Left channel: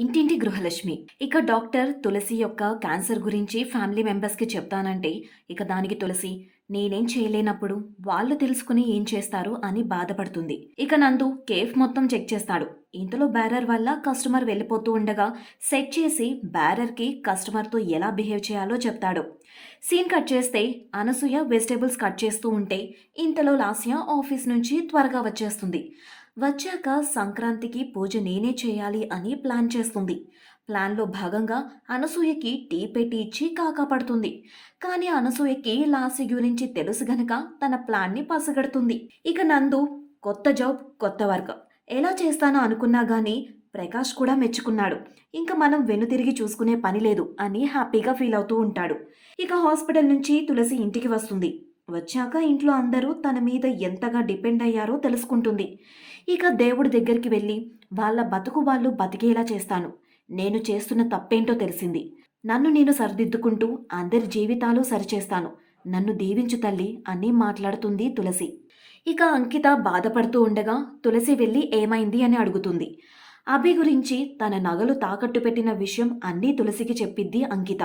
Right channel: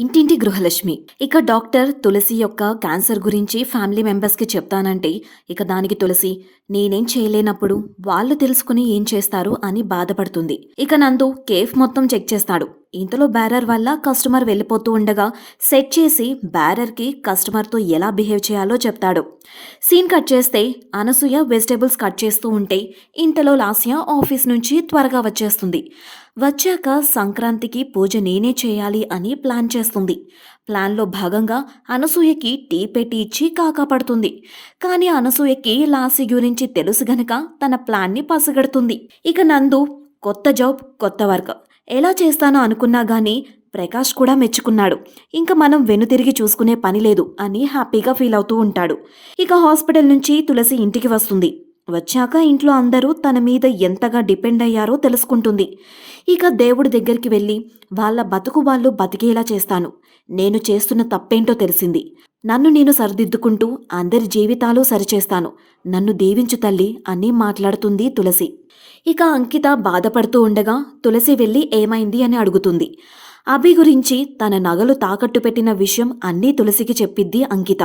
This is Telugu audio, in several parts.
ఇంటింటి గృహలక్ష్మి. ఇక డాక్టర్ తులసి యొక్క క్యాన్సర్ గురించి ఫ్యామిలీ మెంబర్స్కి చెప్తానంటే ఇక దానికి తులసి నేనేం చేయలేనప్పుడు వాళ్ళు తెలుసుకుని ఏం చేస్తారు అని బాధపడుతుంది. ఇక నందు కేఫ్ మొత్తం చెక్ చేస్తాడు. ఇంతలో బ్యారర్ వల్ల కస్టమర్ వెళ్ళిపోతూ ఉండగా సెట్ చేసి బ్యారర్కి కస్టమర్తో ఎలా బిహేవ్ చేయాలో చెప్తాడు. సీన్ కట్ చేస్తే అనసూయ వెజిటేబుల్స్ కట్ చేస్తూ ఉంటే ఇంతలో లాస్య ఆఫీస్ నుంచి త్వరగా వచ్చేస్తుంది. వచ్చాక సంక్రాంతికి పూజ నేనే చేయాలి అని ప్లాన్ చేస్తుంది. ప్లాన్లో భాగంగా అనసూయకి టీ పెట్టి ఇచ్చి కాకాపడుతుంది కానీ అనసూయకి లాసి గురించి తెలుసు గనక తన ప్లాన్ని పసిగడుతుంది. ఇక నందు కొత్త జాబ్ కొత్త వర్క్. ఎలా చేస్తానో అనుకున్నా గానీ ప్రకాష్ కూడా మెచ్చుకున్నాడు. ఇంకా మనం వెనుతిరిగి చూసుకునే పని లేదు అని హ్యాపీగా ఫీల్ అవుతూ ఉంటాడు. ఇక హాస్పిటల్ నుంచి తులసి ఇంటికి వస్తుంది. వచ్చాక ఇంట్లో అందరూ తన మీద ఎంతగా డిపెండ్ అయ్యారో తెలుసుకుంటుంది. ఇక దేవుడి దగ్గరికి వెళ్ళి వాళ్ళ బతుకు వాళ్ళు బతికేలా చేస్తాను. నేను చేస్తున్న తప్పేంటో తెలిసింది. నన్ను నేను సరిదిద్దుకుంటూ అందరి జీవితాలు సరిచేస్తాను. నన్ను దీవించు తల్లి అని మాట్లాడుతుంది తులసి. ఇక అంకిత బాధపడుతూ ఉండగా తులసి వెళ్ళి ఏమైంది అని అడుగుతుంది. అభి గురించి తన నగలు తాకట్టు పెట్టిన విషయం అన్నీ తులసికి చెప్పిద్ది అంకిత.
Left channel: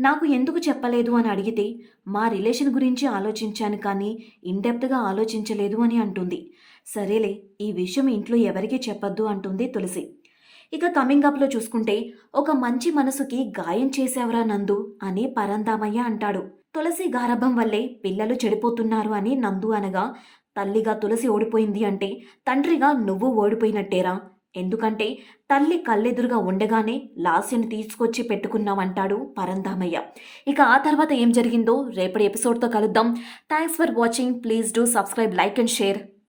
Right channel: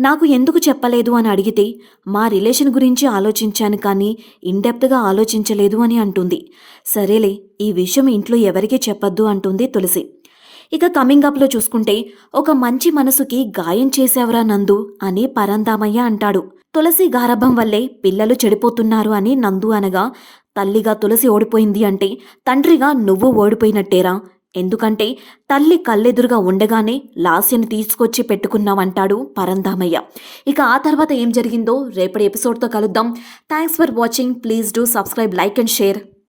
నాకు ఎందుకు చెప్పలేదు అని అడిగితే మా రిలేషన్ గురించి ఆలోచించాను కానీ ఇండెప్త్గా ఆలోచించలేదు అని అంటుంది. సరేలే ఈ విషయం ఇంట్లో ఎవరికీ చెప్పొద్దు అంటుంది తులసి. ఇక కమింగ్ అప్లో చూసుకుంటే ఒక మంచి మనసుకి గాయం చేసేవరా నందు అని పరందామయ్య అంటాడు. తులసి గారభం వల్లే పిల్లలు చెడిపోతున్నారు అని నందు అనగా తల్లిగా తులసి ఓడిపోయింది అంటే తండ్రిగా నువ్వు ఓడిపోయినట్టేరా? ఎందుకంటే తల్లి కళ్ళెదురుగా ఉండగానే లాస్యని తీసుకొచ్చి పెట్టుకున్నామంటాడు పరంధామయ్య ఇక ఆ తర్వాత ఏం జరిగిందో రేపటి ఎపిసోడ్తో కలుద్దాం. Thanks for watching please do subscribe like and share